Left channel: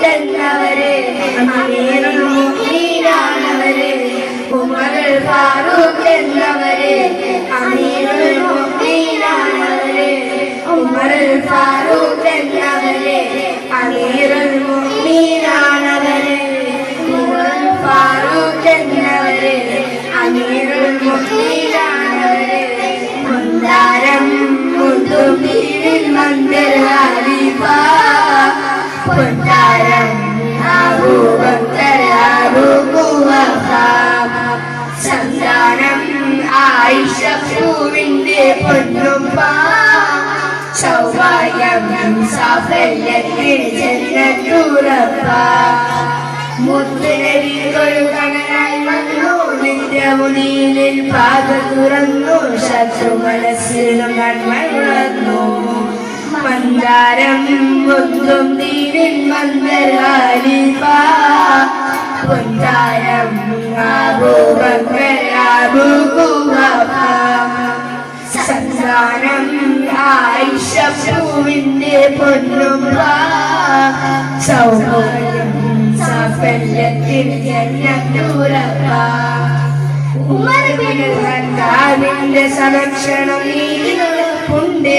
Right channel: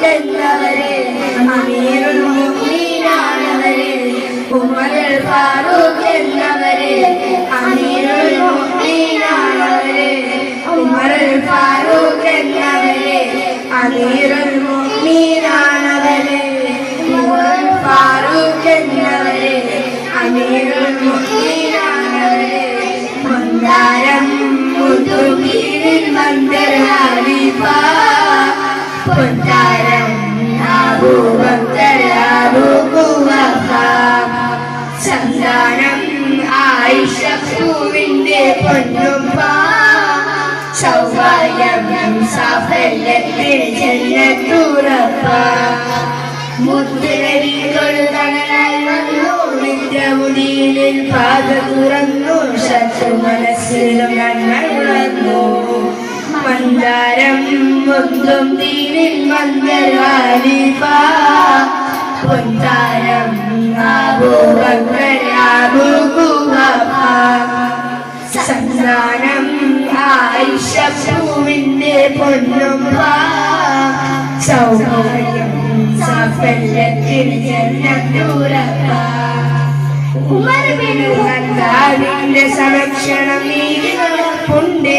ഫാറൂഖ് എന്നവരെ അമീറുൽ മുഅ്മിനീനാണവരെ ഉമറുൽ ഫാറൂഖ് എന്നവരെ അമീറുൽ മുഅ്മിനീനാണവരെ ഉമറുൽ ഫാറൂഖ് എന്നവരെ അമീറുൽ മുഅ്മിനീനാണവരെ ഉമറുൽ ഫാറൂഖ് എന്നവരെ അമീറുൽ മുഅ്മിനീനാണവരെ മന്ദാരം മുത്തുബീരിൽ മന്ദർ ഹബീബ പൊന്നാരം അബൂബക്കർ അബൂഖുവഫ സന്താനം ആയിഷ പൂവിന്റെ പൊന്നുപ്പ സൗഭാഗ്യം സാഫല്യത്തിൽ ജന്നത്തുറപ്പ മുത്തുനബികൾ തണലായി വന്നു നിത്യമുടിയിൽ പാത തുറന്നു ശത്രു മനസ്സിൽ നന്മ ഉണർന്നു മന്ദാരം മുത്തും തീരിൽ മന്ദർ ഹബീബ പൊന്നാരം അബൂബക്കർ അബൂഖുവഫ സന്താനം ആയിഷ പൂവിന്റെ പൊന്നുപ്പ സൗഭാഗ്യം സാഫല്യത്തിൽ ജന്നത്തുറപ്പ ഉമർ ബിൻ ഖത്താബിന്റെ സംരക്ഷണം നീതി നടപ്പുണ്ട്